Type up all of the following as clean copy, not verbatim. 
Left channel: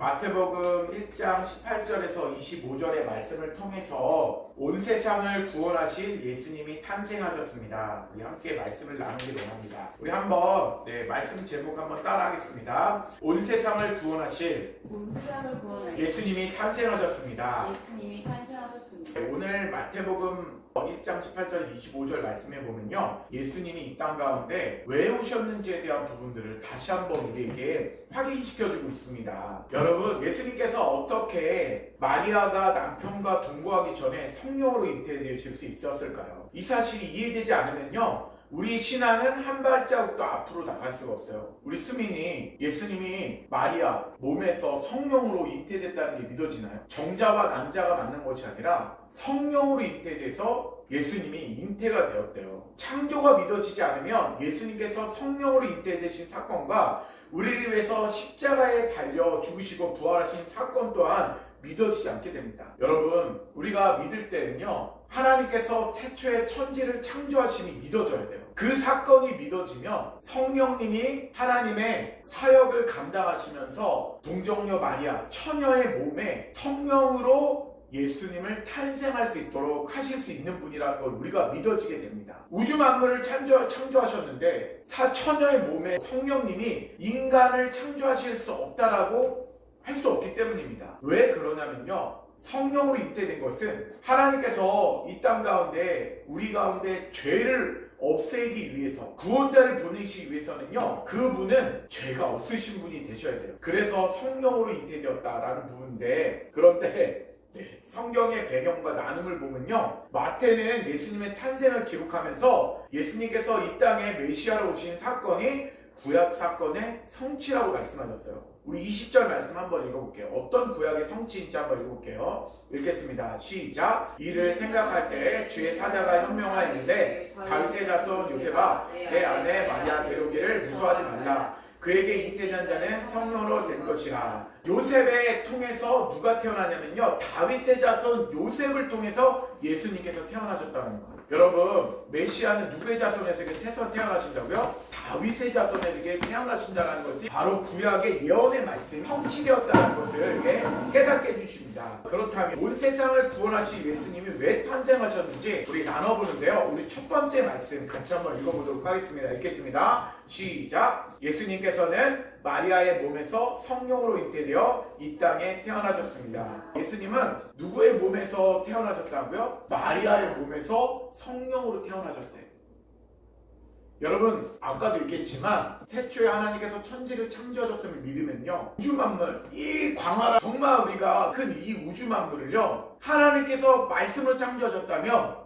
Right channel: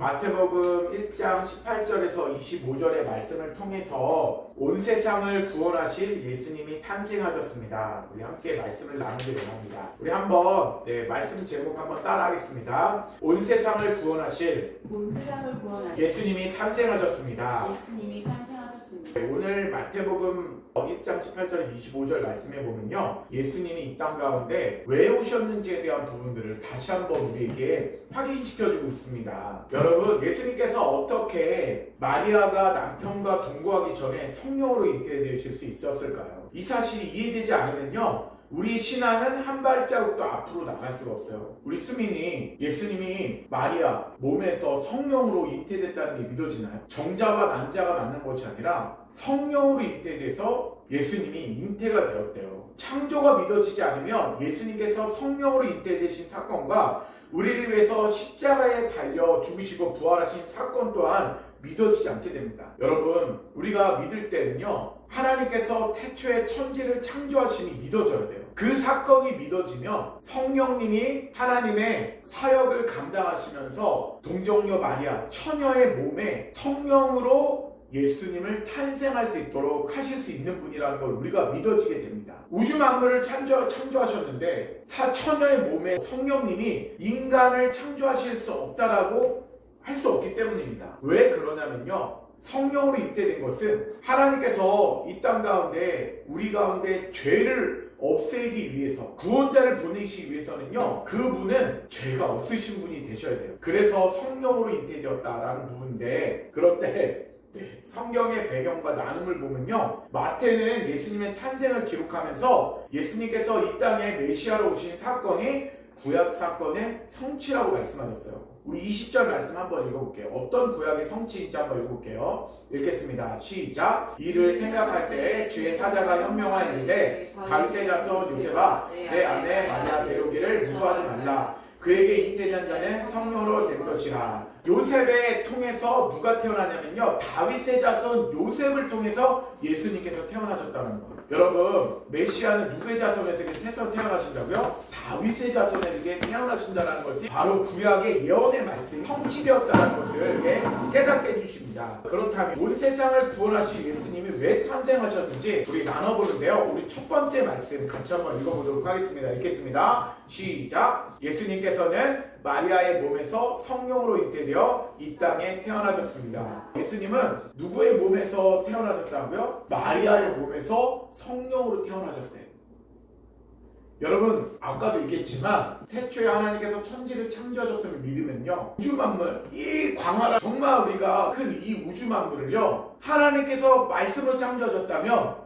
마태복음 1장 18절에서 25절의 말씀을 통해서 온 세상을 구원하실 예수님이 탄생하셨습니다. 우리 함께 말씀을 나누게 원합니다. 우리 한번 말씀 제목 한번 따라하겠습니다. 온 세상을 구원하실 예수님이 탄생하셨습니다. 오늘 마태복음 1장 18절 25절 말씀에 보면요, 예수님이 이 땅 가운데 왜 오셨는지에 대한 부분들을 다시 한번 우리에게 확인시켜주고 있습니다. 여러분, 예수님께서 어떻게 마리아가 남편과 동거하기 전에 성령으로 잉태되실 수 있었을까요? 이 사실이 이해되지 않으면요, 우리 신앙은 한 발자국도 앞으로 나갈 수가 없어요. 우리 수민이 예수님이 마리아 몸에서 성령으로 잉태됐다는 게 믿어지나요? 정자와 난자가 맞는 것이 아니라 성령으로 잉태돼서 예수님이 잉태가 되었대요. 창조가 믿어지지 않으면 예수님께서 성령으로 잉태되신 사건과 우리를 위해서 십자가에 달려 죽으시고 부활하신 사건 또한 믿어지지 않게 됩니다. 여러분, 우리가 믿을 때는요, 하나님께서 태초에 천지를 창조하심이 믿어져야 돼요. 그 사건이 믿어지면 성령님이 하나님의 사역을 감당하시면서 동정녀 마리아 처녀의 몸에 성령으로 예수님을 탄생할 수 있도록 하실 수 있는 분이라는 걸 우리가 믿어지게 됩니다. 우주 만물을 창조하셨는데 처녀의 몸에 성령님이 인간을 창조하실 수 없다라고 할 수 없기 때문입니다. 왜 그러냐면요, 성령으로 잉태된 것은 하나님께서 이 땅 가운데 우리 가운데 죄를 없애기 위해서 구원자를 보내시기 위해서는요, 그분은 죄가 없으신 분이 되셔야 돼요. 그래서 성령으로 잉태되었다라는 부분인데, 그런데 성경의 배경과 나눔을 보면요, 마태는 예수님의 탄생을 기록하면서 예수님께서 이 땅에 메시아로 오신 사건이 구약 사건의 성취라고 말씀하셨어요. 우리 20절 말씀 한번 읽어볼게요. 어떤 구약의 성취인지 한번 읽어볼게요. 읽겠습니다. 시작. 이를 생각할 때 주의 사자가 현명하였는데 다윗의 자손 요셉아, 내 아내 마리아 데려오기를 무서워하지 말라. 그에게 잉태된 자는 성령으로 된 것이라. 요셉을 통해서 누가 태어나냐면요, 다윗의 자손 요셉을 통해서 예수님께서 태어나셨다는 거예요. 여러분, 메시아는 누구의 자손에서 태어나신다고요? 다윗의 자손에게 태어나신다는 것이 바로 구약의 예언의 말씀이 성취되었다는 것을 깨닫게 해주십니다. 그렇다면 온 세상을 구원하실 예수님이 왜 탄생하셨는지 우리 나눠보는데요, 우리 첫 번째 말씀 같이 한번 읽어보도록 하겠습니다. 읽겠습니다. 시작. 예수님께서는 마리아의 몸에서 성령으로 잉태되어 이 땅에 태어나셨습니다. 예수님은 누구의 몸에서 태어나셨다고요? 마리아의 몸에서 성령으로 태어나셨대요. 여러분, 아까도 얘기했지만 태초에 하나님께서 천지를 창조하셨음을 믿으면요, 우주 만물, 이 광활한 정말 우리가 큰 이 우주 만물을요, 하나님께서 말씀으로 창조하셨다면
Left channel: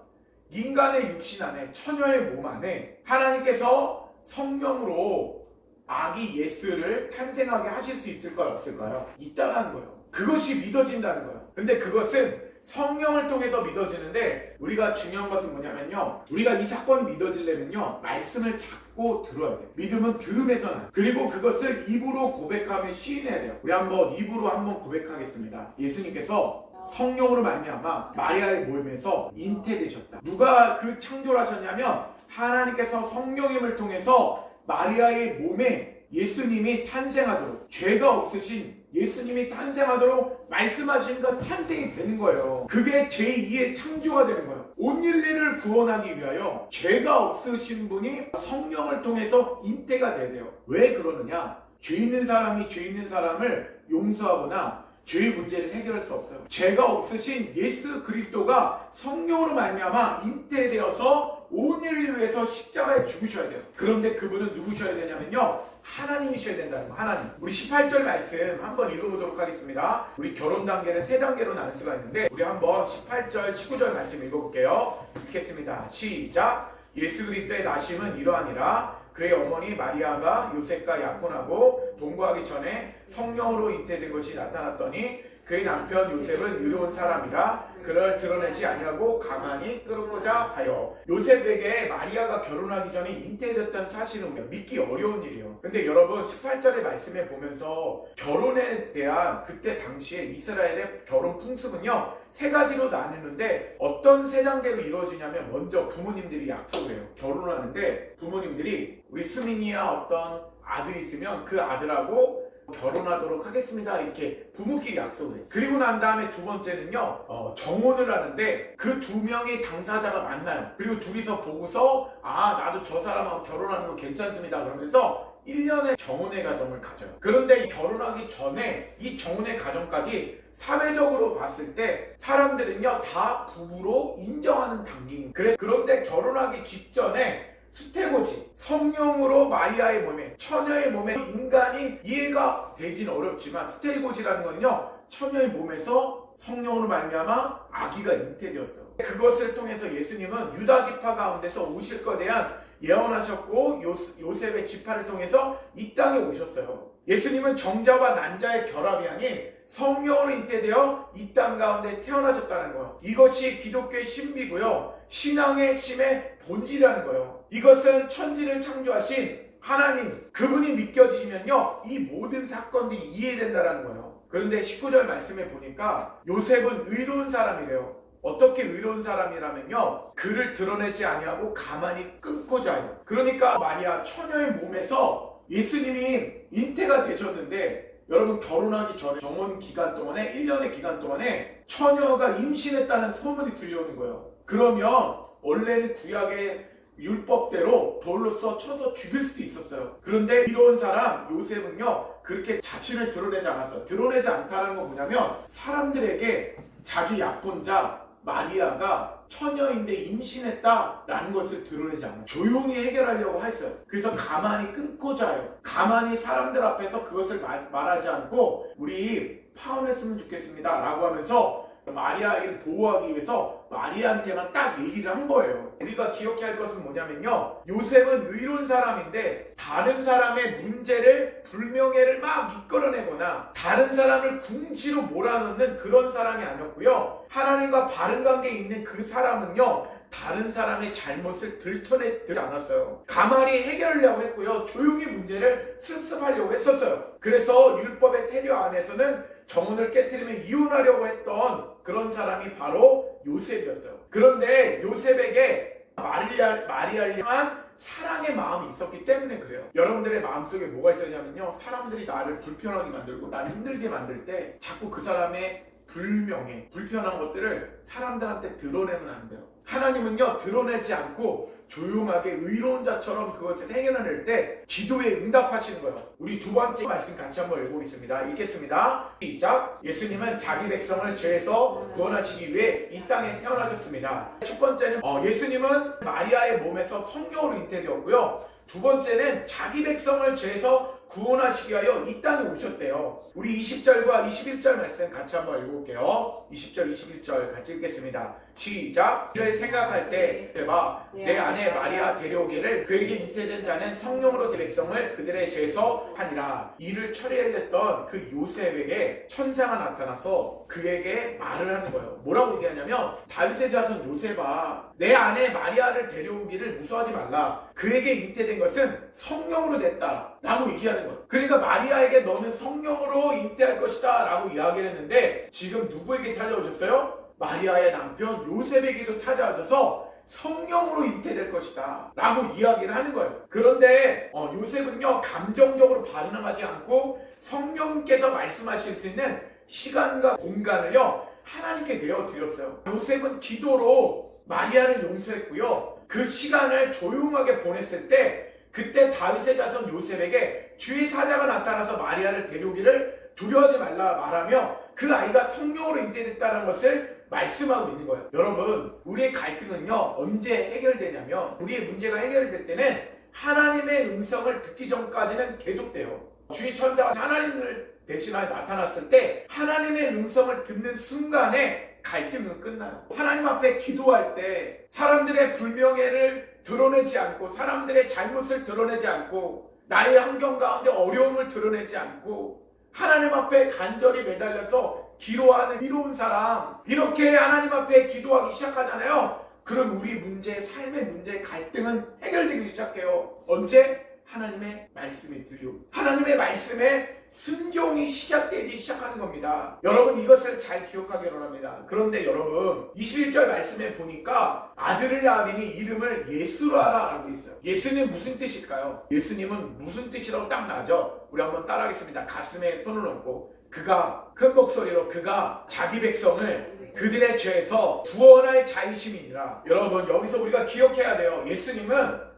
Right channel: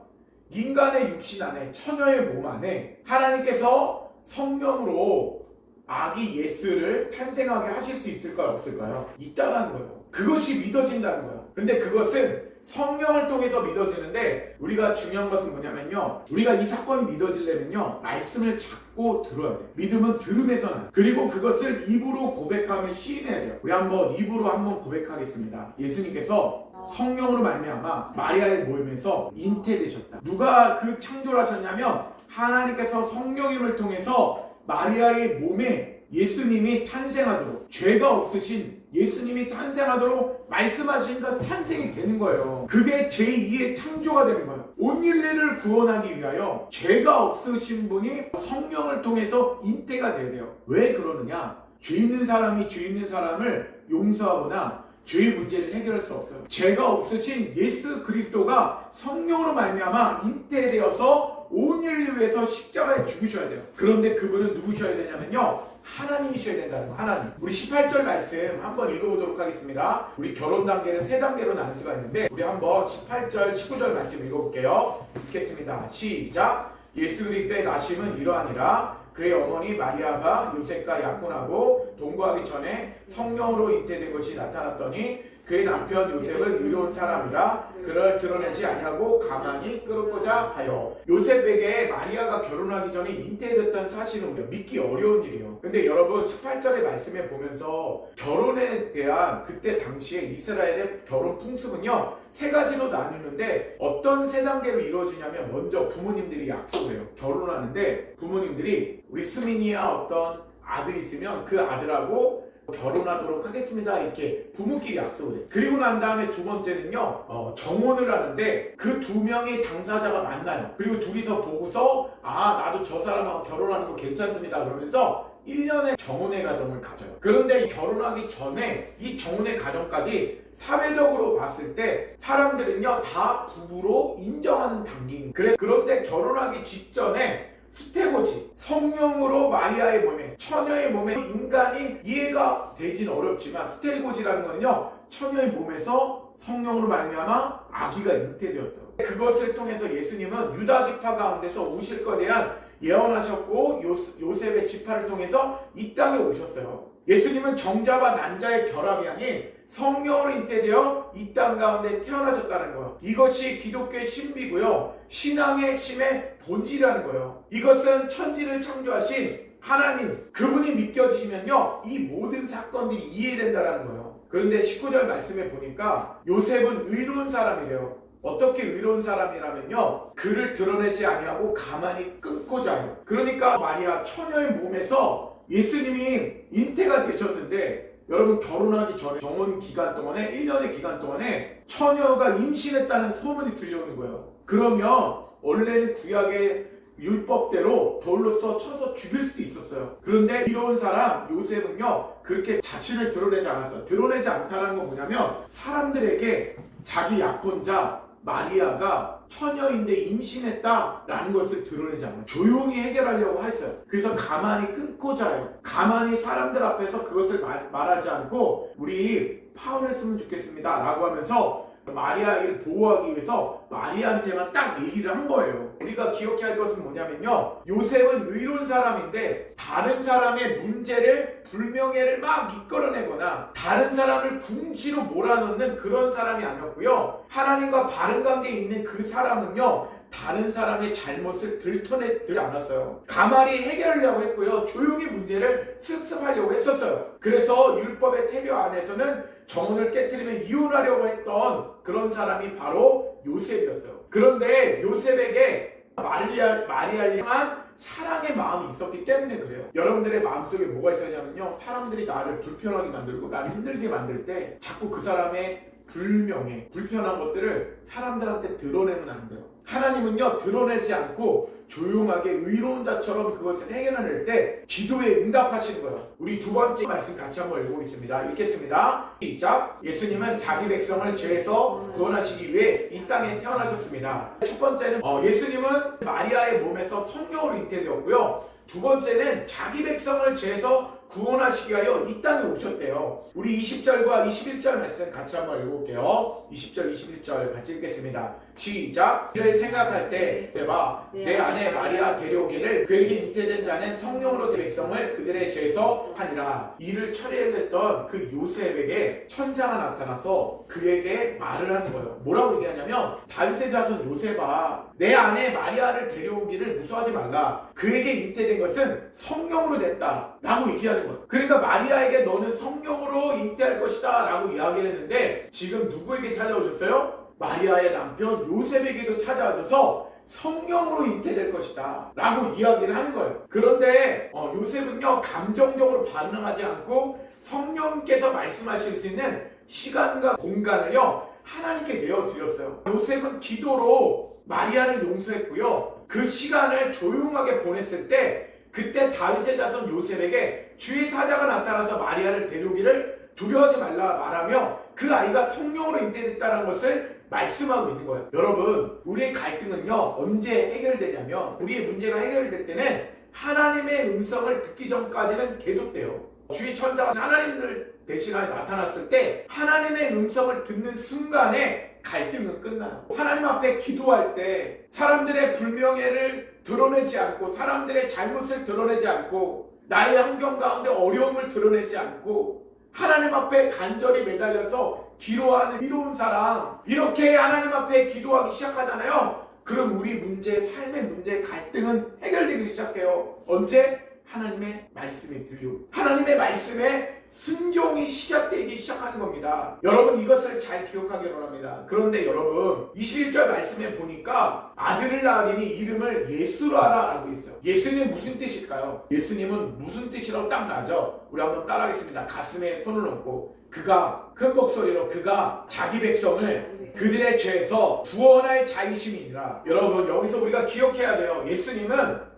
인간의 육신 안에, 처녀의 몸 안에 하나님께서 성령으로 아기 예수를 탄생하게 하실 수 있을까요? 없을까요? 있다는 거예요. 그것이 믿어진다는 거예요. 근데 그것은 성령을 통해서 믿어지는데, 우리가 중요한 것은 뭐냐면요, 우리가 이 사건이 믿어지려면요, 말씀을 잡고 들어야 돼요. 믿음은 들음에서 나요. 그리고 그것을 입으로 고백하며 시인해야 돼요. 우리 한번 입으로 한번 고백하겠습니다. 예수님께서 성령으로 말미암아 마리아의 몸에서 잉태되셨다. 누가 그 창조를 하셨냐면 하나님께서 성령님을 통해서 마리아의 몸에 예수님이 탄생하도록, 죄가 없으신 예수님이 탄생하도록 말씀하시니까 탄생이 되는 거예요. 그게 제2의 창조가 되는 거예요. 온 인류를 구원하기 위하여 죄가 없으신 분이 성령을 통해서 잉태가 돼야 돼요. 왜 그러느냐? 죄 있는 사람이 죄 있는 사람을 용서하거나 죄의 문제를 해결할 수 없어요. 죄가 없으신 예수 그리스도가 성령으로 말미암아 잉태되어서 온 인류를 위해서 십자가에 죽으셔야 돼요. 그런데 그분은 누구셔야 되냐면요, 하나님이셔야 된다는 거. 하나님. 우리 18절 말씀 한번 읽어보도록 하겠습니다. 우리 결혼 단계를 3단계로 나눌 수가 있는데, 우리 한번 18절 19절 말씀 읽어볼게요. 읽겠습니다. 시작. 예수 그리스도의 나심은 이러하니라. 그의 어머니 마리아가 요셉과 약혼하고 동거하기 전에 성령으로 잉태된 것이 나타났더니 그의 남편 요셉은 의로운 사람이라 그를 드러내지 아니하고 가만히 끌었고자 하여. 요셉에게 마리아가 결혼하기 전에 잉태됐다는 사실은 우리가 믿기 어려운 일이에요. 근데 여러분, 18절의 말씀에 보면서 결혼에 대한 그때 당시에 이스라엘의 결혼 풍습은요, 3가지로 나누는데, 어떤 3단계로 이루어지냐면, 먼저 부모님들이 약속을 해요. 결혼을 하는데 부모님들이 우리 수민이야 어떤 아들이 있으면 그 아들하고 결혼하도록 하겠습니다. 이렇게 부모끼리 약속을 해요. 그리고 난 다음에 두 번째는요, 정혼을 하는데 그 두 명의 당사자가 만나요. 그리고 둘이서 보고서 나도 저 사람하고 결혼하는 거 괜찮습니다. 그러면서 1년의 정혼의 과정을 가져요. 그런데 이 결혼하기 전에 이 정혼의 과정까지 사회적으로 봤을 때 사람들은요 다 부부로 인정하는 단계입니다. 그런데 결혼하기 직전에 수태고지, 성령으로 마리아의 몸에, 처녀의 몸에 인간이 이해가 되진 어렵지만 수태고지라는 거는요 처녀의 몸에서 성령으로 말미암아 아기가 잉태되었어요. 그것을 통해서 예수님은 유다 지파 가운데서 오실 것에 대한 예언하셨고 요셉의 지파를 통해서 이 땅에 오셨어요. 예수님은 정자와 난자의 결합이 아닌 성령으로 잉태되어 이 땅 가운데 태어나셨다는 거예요. 이것이 기독교의 신비고요. 신앙의 핵심의 본질이라는 거예요. 이것은 천지를 창조하신 하나님, 그분이 믿겨지면요 이 모든 사건들이 이해된다는 거예요. 그런데 19절 말씀에 보니까 요셉은 의로운 사람이래요. 어떻게 의로운 사람이라면요 그를 드러내지 아니하고 가만히 끊고 자요. 그러니까 마리아 처녀의 몸에서 예수님이 잉태가 되셨는데 여러분 결혼하기 전에 정혼 기간 동안에 1년의 기간 동안에 처녀가 임신했다는 소문이 들려오는 거예요. 그러면 원래는 구약의 율법대로 돌로서 쳐서 죽일 수도 있었어요. 그런데 이로운 사람 요셉은요 그렇게 자신을 드러내지 않았어요. 드러내지 않다는 건 뭐냐면 사람들에게 자기 약혼자 마리아가 처녀인데 임신했다라는 것을 드러내지 않아요. 조용히 해결하려고 했어요. 그래서 가만히 끊고 자요. 가만히 사람들 앞에서 그것을 말하지 않고 우리 파혼했으면 좋겠습니다 라고 하면서 마리아를 보호하기 위해서 마리아한테만 딱 얘기를 한 거예요. 우리가 기억해야 할 것은 뭐냐면요 요셉은 의로운 사람인데 다른 사람의 문제를 불명예를 막 이끌어내거나 다른 사람을 궁지로 몰아넣는 그런 사람이 아니었고요. 하나님과 바른 관계에 있는 그 사람은요 다른 사람의 잘못을 들춰내지 않았어요. 가만히 해결하려고 했고요. 조용히 문제를 습습하려고 했었어요. 그래서 율법의 태교 안에서는 정혼을 깨트리며 이혼하려고 했던 그런 사람이 바로 요셉이었어요. 그런데 요셉에게 마리아를 향한 사랑의 마음이 있었기 때문에 그래요. 여러분들의 마음속에 뭐가 있었냐면요 사람들이 나를 불편하게 만들고 나를 힘들게 만들 때 자꾸 그 사람의 불편한 것들을 사람들한테 드러내면 안 돼요. 하나님은요 드러내지 않고 조용하게 의로운 자처럼 그것을 해결해낼 때 기도에 응답하시는 거예요. 우리 두 번째 말씀 같이 한번 읽어보겠습니다. 읽겠습니다. 시작. 예수님은 자기 백성을 죄에서 구원하시기 위해 이 땅에 태어나셨습니다. 첫 번째는 예수님은 마리아의 몸에서 성령으로 잉태되었고요. 두 번째는 자기 백성을 죄에서 구원하시기 위하여 이 땅에 오셨대요. 우리 20절과 21절 말씀 같이 한번 읽어볼게요. 20절, 21절 같이 읽겠습니다. 시작. 이를 생각할 때 내 아내 마리아 데려오기를 그에게 잉태된 자는 성령으로 백성을 그들의 죄에서 하니라. 이를 처리했던 그 요셉에게 천사가 나타나서 그에게 말을 하는 거예요. 뭐라고 얘기하냐면 다윗의 자손 요셉아 내 아내 마리아를 데려오기를 무서워하지 말라. 그에게 잉태된 것은 성령으로 됐다 라고 얘기하는 거예요. 그러니까 마리아에게 너는 성령으로 잉태할 것이다 라고 이야기를 했는데 지금 누구에게 찾아오셨어요? 마리아의 남편 요셉에게도 찾아와셔서 성령으로 잉태될 것이다 라고 이야기를 하는 거예요. 그런데 요셉은요 감정적으로 반응하지 않고 성령께서 말씀하실 수 있는 시간과 공간을요 하나님께 내어드렸어요. 요셉은 기도로 마리아를 용서했고요. 그 시간을 조용하게 보냈을 때 그때 다윗의 자손 요셉에게 주의 사자가 나타나서 마리아를 데려오기를 두려워하지 말라 말하며 그 아이가 성령으로 잉태됐다는 것을 말씀하고 있는 거예요. 여러분 우리의 갈등은요 언제 해결되냐면 우리의 문제가 해결될 때는 하나님의 음성을 듣기 전까지는 계속돼요. 주의 천사가 하나님을 대신하여 나타났을 때 하나님의 음성을 듣는 순간에 갈등은 끝나요. 하나님 앞에 기도할 때 사람들의 불명예를 드러내지 않고 사람들의 잘못을 드러내지 않고 나의 환경 가운데 어려움을 드러내지 않고 하나님 앞에 간절히 매달려서 기도하는 이로운 사람 이렇게 하나님 앞에 기도하기 시작하잖아요. 그럼 우리 문제, 삶의 문제, 갈등은 해결되기 시작해요. 언제? 하나님의 말씀이 들리고 하나님의 말씀에 순종이 시작되기 시작하는 겁니다. 여러분 이것을 잘 기억하기 바랍니다. 그런데 여러분 21절 말씀에 보니까 아들을 낳으리니 이름을 예수라라 하고 있어요. 예수님 무슨 뜻일까요? 예수님은 무슨 뜻이라고 딱 나죠? 우리 한번 따라하겠습니다. 가슴에 손을 얹고 그가 큰 목소리로 그가 자기 백성을 그들의 죄에서 구원할 자이심이니라. 여러분 여기서 우리가 기억해야 돼요. 예수님은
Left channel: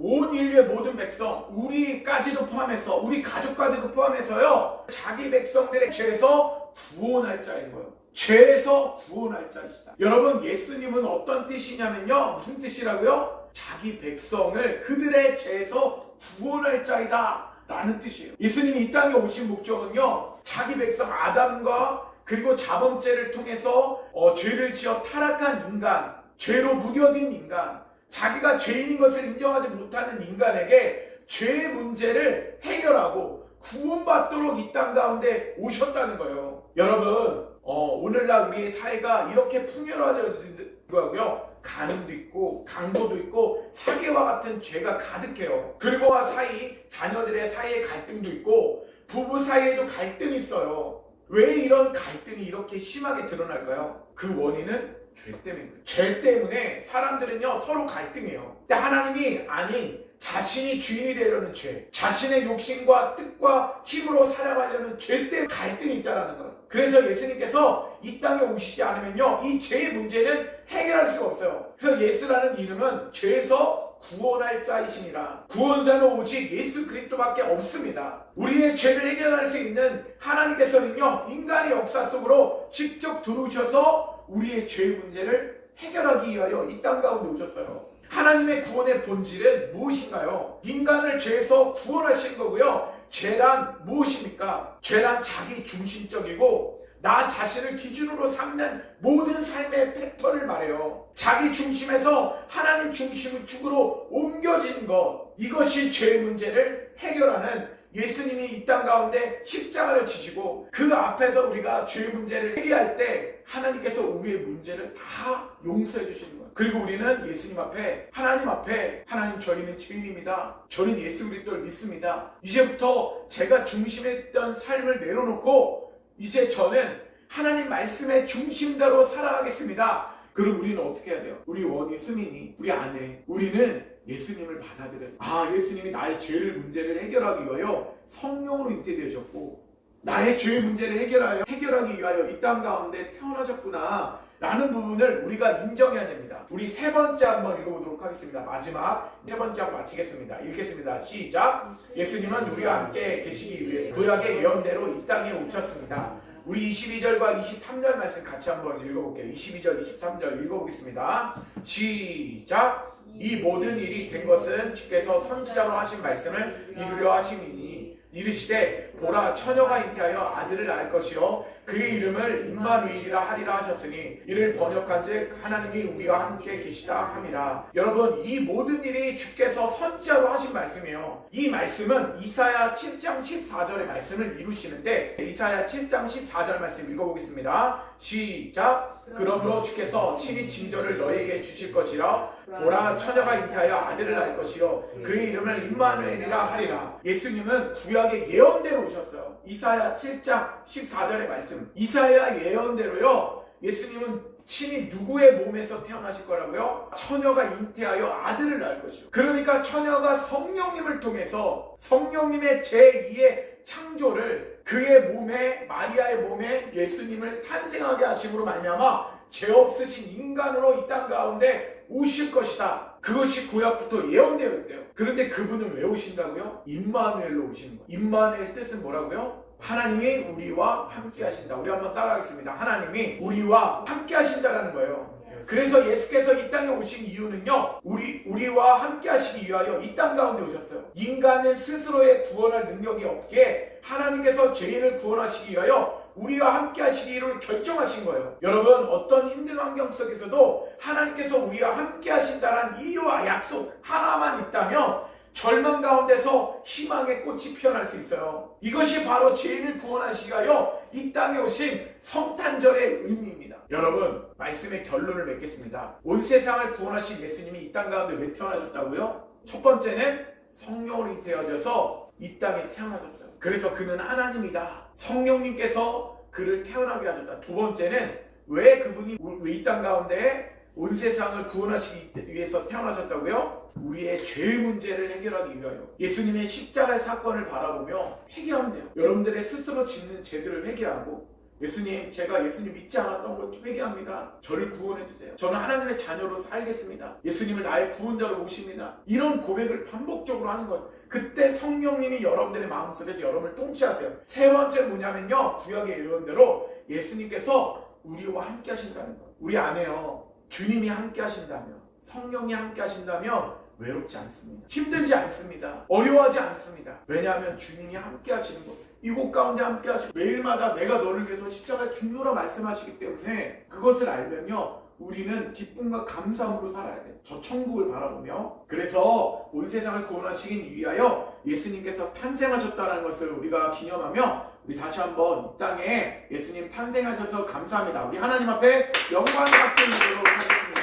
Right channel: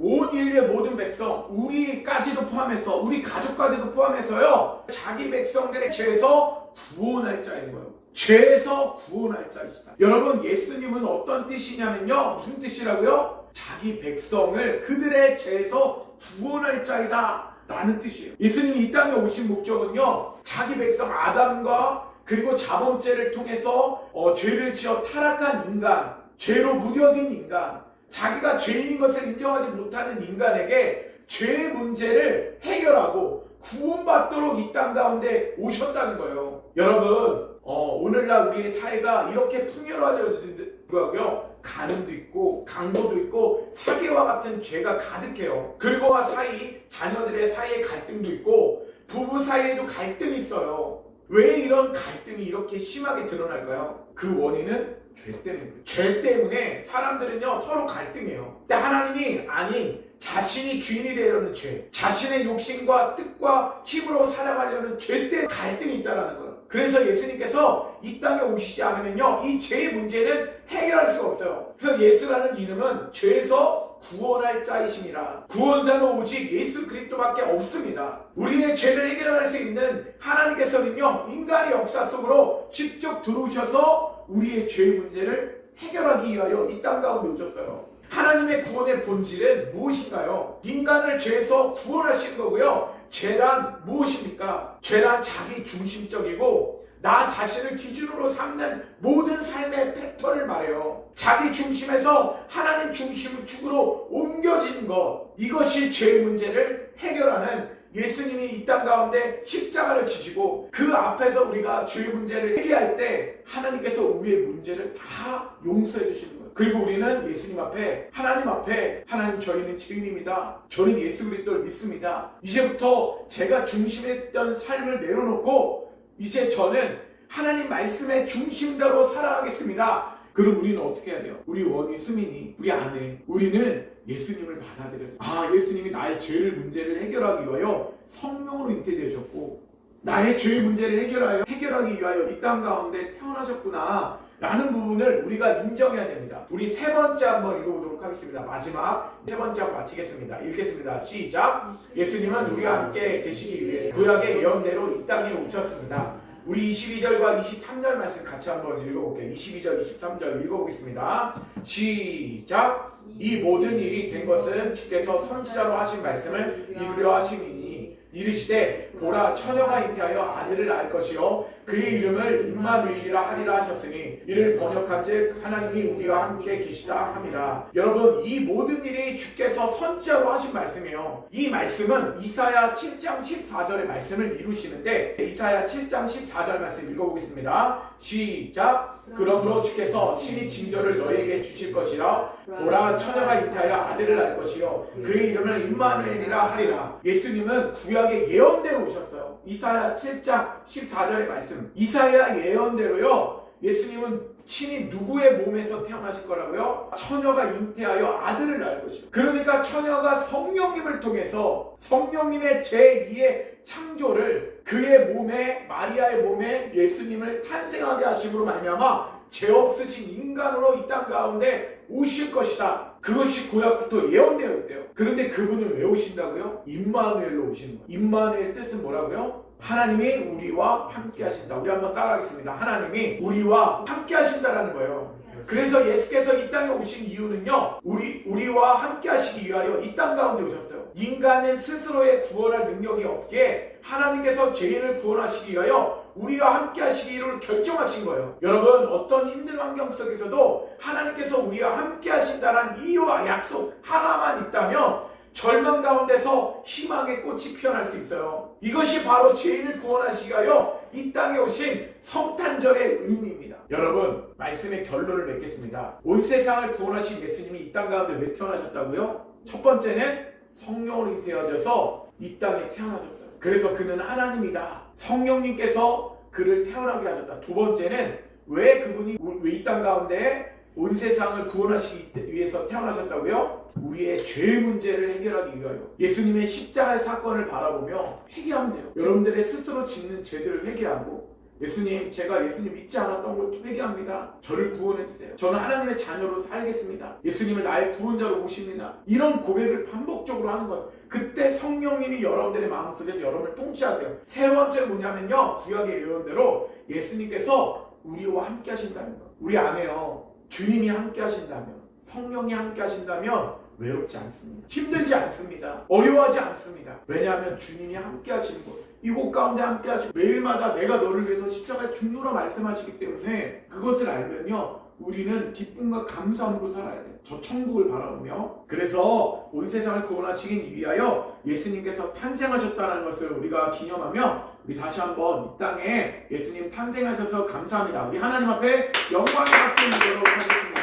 온 인류의 모든 백성, 우리까지도 포함해서 우리 가족까지도 포함해서요 자기 백성들의 죄에서 구원할 자인 거예요. 죄에서 구원할 자이시다. 여러분 예수님은 어떤 뜻이냐면요 무슨 뜻이라고요? 자기 백성을 그들의 죄에서 구원할 자이다 라는 뜻이에요. 예수님이 이 땅에 오신 목적은요 자기 백성 아담과 그리고 자범죄를 통해서 죄를 지어 타락한 인간, 죄로 무뎌진 인간, 자기가 죄인인 것을 인정하지 못하는 인간에게 죄의 문제를 해결하고 구원받도록 이 땅 가운데 오셨다는 거예요. 여러분 오늘날 우리의 사회가 이렇게 풍요로워져도고요 간음도 있고 강도도 있고 사기와 같은 죄가 가득해요. 그리고 사이 자녀들의 사이에 갈등도 있고 부부 사이에도 갈등이 있어요. 왜 이런 갈등이 이렇게 심하게 드러날까요? 그 원인은 죄 때문에. 죄 때문에 사람들은요 서로 갈등해요. 근데 하나님이 아닌 자신이 주인이 되려는 죄, 자신의 욕심과 뜻과 힘으로 살아가려는 죄 때문에 갈등이 있다는 거예요. 그래서 예수님께서 이 땅에 오시지 않으면요 이 죄의 문제는 해결할 수가 없어요. 그래서 예수라는 이름은 죄에서 구원할 자이심이라. 구원자는 오직 예수 그리스도밖에 없습니다. 우리의 죄를 해결할 수 있는 하나님께서는요 인간의 역사 속으로 직접 들어오셔서 우리의 죄의 문제를 해결하기 위하여 이 땅 가운데 오셨어요. 하나님의 구원의 본질은 무엇인가요? 인간을 죄에서 구원하시는 거고요. 죄란 무엇입니까? 죄란 자기 중심적이고 나 자신을 기준으로 삼는 모든 삶의 패턴을 말해요. 자기 중심에서 하나님 중심 축으로 옮겨진 것, 이것이 죄의 문제를 해결하는 예수님이 이 땅 가운데 십자가를 지시고 그 앞에서 우리가 죄의 문제를 해결할 때 하나님께서 우리의 문제를 다 용서해 주시는 거예요. 그리고 우리는 예수님 앞에 하나님 저희는 죄인입니다. 저는 예수 그리스도를 믿습니다. 이제부터 제가 중심했던 삶을 내려놓고 이제 저는 하나님 말씀의 중심대로 살아가겠습니다. 그럼 우리는 어떻게 해야 돼요? 우리 원이 수민이 우리 안에 우리는 예수님을 받아들여요. 예수님이 나의 죄를 문제를 해결하기 위하여 성령으로 잉태되셨고 나의 죄의 문제를 해결하기 위하여 이 땅 가운데 태어나셨구나 라는 부분을 우리가 인정해야 됩니다. 우리 세 번째 한번 읽어보도록 하겠습니다. 마지막 세 번째 한번 마치겠습니다. 읽겠습니다. 시작. 예수님은 우리와 함께 계시기 위해 구약의 예언대로 이 땅에 오셨습니다. 우리 22절과 23절 말씀 같이 한번 읽어볼게요. 22절, 23절 읽어보겠습니다. 시작. 이 모든 일이 된 것은 주께서 선지자로 하신 말씀을 이루려 하심이니 이르시되 보라 처녀가 잉태하여 아들을 낳을 것이요 그의 이름을 임마누엘이라 하리라 하셨으니 이를 번역한즉 하나님이 우리와 함께 계시다 함이라. 여러분 이 모든 일이 주께서 선지자로 하신 말씀이에요. 이 말씀은 이사야 7장 14절의 말씀을 이루시는데 이사야 7장 14절 말씀 읽어보겠습니다. 시작. 그러므로 주께서 친히 징조를 너에게 주실 것이라 보라 처녀가 잉태하여 아들을 낳을 것이요 그의 이름을 임마누엘이라 하리라. 예수님은 구약의 예언대로 오셨어요. 이사야 7장 14절의 말씀 이사야 예언대로요 예수님은 친히 누구의 몸에서 태어나실 거라고요? 처녀가 잉태하여 아들을 낳을 것이요. 그러니까 처녀가 성령님을 통해서 성령님의 제2의 창조를 그의 몸에 마리아의 몸에 예수님을 탄생하게 하심으로 말미암아 죄 없으신 인간으로 이 땅 가운데 오실 것이다. 그것이 구약부터 예언되어 있대요. 그런데 그분은 왜 오신다고요? 임마누엘로 오시는 거예요. 임마누엘 뜻은 뭐라고요? 하나님이 우리와 함께 하신다. 우리 한번 따라하겠습니다. 하나님이 우리와 함께 하신다라는 거예요. 그래서 예수께서 이 땅에 오신 이유는요 우리와 함께 하시기 위하여 이 땅 가운데 오셨어요. 인간은 스스로의 구원할 능력이 없기에 하나님께서 죄인을 구원하시기 위하여 우리와 함께 하시기를 결정하신 거예요. 여러분 어떤 힘든 환경 속에서도 하나님께서 우리와 함께 하신다는 이유와 약속 하나만 있다면 절망 가운데서 희망의 꽃이 피어날 수 있어요. 이것이 바로 죄인을 구원하시기 위하여 이 땅에 오신 성탄절의 의미입니다. 여러분 말씀의 결론을 맺겠습니다. 온 세상을 구원하신 예수님이 이 땅 가운데 왜 태어나셨다고요? 첫 번째는 성령으로 잉태되어져서 이 땅에 태어나셨어요. 그래서 그는 하나님이다. 성령님께서 그를 태어나게 하셨다. 두 번째는 왜 그분이 이 땅 가운데 온 세상을 구원하시기 위해서 태어나셨다고요? 우리의 죄 문제를 해결하기 위하여. 예수님의 십자가의 사건을 바라보며 회개하면 돼요. 여러분들의 스스로 짓는 죄들을 회개하고, 예수님, 제가 예수님 믿지 않았던 것도 회개합니다. 저를 구원해주세요. 저는 하나님의 자녀로 살겠습니다. 예수님을 나의 구원자로 모십니다. 이런 고백을 반복적으로 하는 거예요. 그때 성령님이 여러분들의 마음속에서 여러분을 통치하세요. 세 번째 뭐냐면요, 구약의 예언대로 예수님께서 우리와 함께 하신다는 거예요. 우리 안에요, 주님이 함께 하신다면, 성령이 함께 하신다면 외롭지 않습니다. 힘들지 않습니다. 어려워하지 않습니다. 왜냐하면 주님이 함께 하시는 것, 이곳 가운데 함께 하시고 매일마다 내가 너를 위해서 십자가에 죽노라 말씀하시기 때문에 그것을 알면요, 우리는 기쁨과 감사함으로 살아야 돼요. 저 천국을 바라보며. 그래서 온 세상을 구원하시기 위하여 예수님께서 탄생하셨다는 것을 우리가 기념하며, 우리 다시 한번 이 땅에 예수님 탄생하셔서 감사합니다. 우리 하나님 앞에 영광의 박수 드리도록 하겠습니다.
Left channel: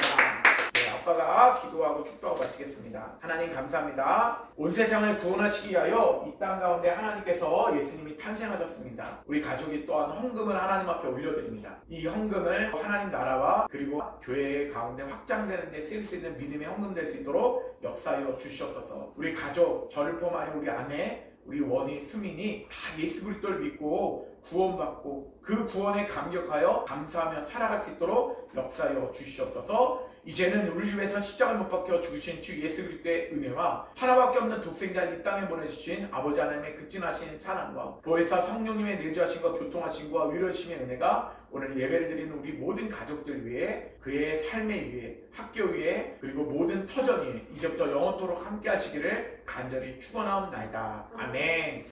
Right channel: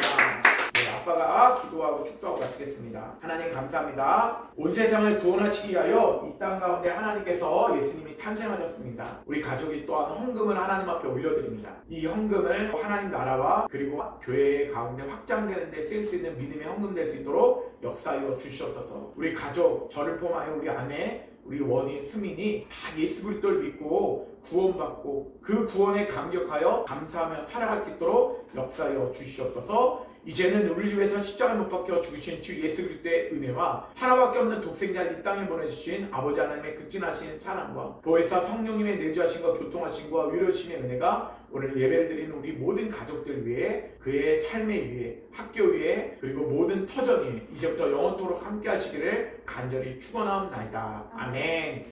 아빠가 기도하고 축도하고 마치겠습니다. 하나님 감사합니다. 온 세상을 구원하시기 위하여 이 땅 가운데 하나님께서 예수님이 탄생하셨습니다. 우리 가족이 또한 헌금을 하나님 앞에 올려드립니다. 이 헌금을 하나님 나라와 그리고 교회 가운데 확장되는 데 쓸 수 있는 믿음의 헌금 될 수 있도록 역사하여 주시옵소서. 우리 가족, 저를 포함하여 우리 아내, 우리 원희, 수민이 다 예수 그리스도를 믿고 구원받고 그 구원에 감격하여 감사하며 살아갈 수 있도록 역사하여 주시옵소서. 이제는 우리를 위해서 십자가에 못 박혀 죽으신 주 예수 그리스도의 은혜와 하나밖에 없는 독생자를 이 땅에 보내주신 아버지 하나님의 극진하신 사랑과 보혜사 성령님의 내주하신과 교통하신과 위로하심의 은혜가 오늘 예배를 드리는 우리 모든 가족들 위해, 그의 삶에 위해, 학교 위해, 그리고 모든 터전 위에 이제부터 영원토록 함께 하시기를 간절히 축원하옵나이다. 아멘.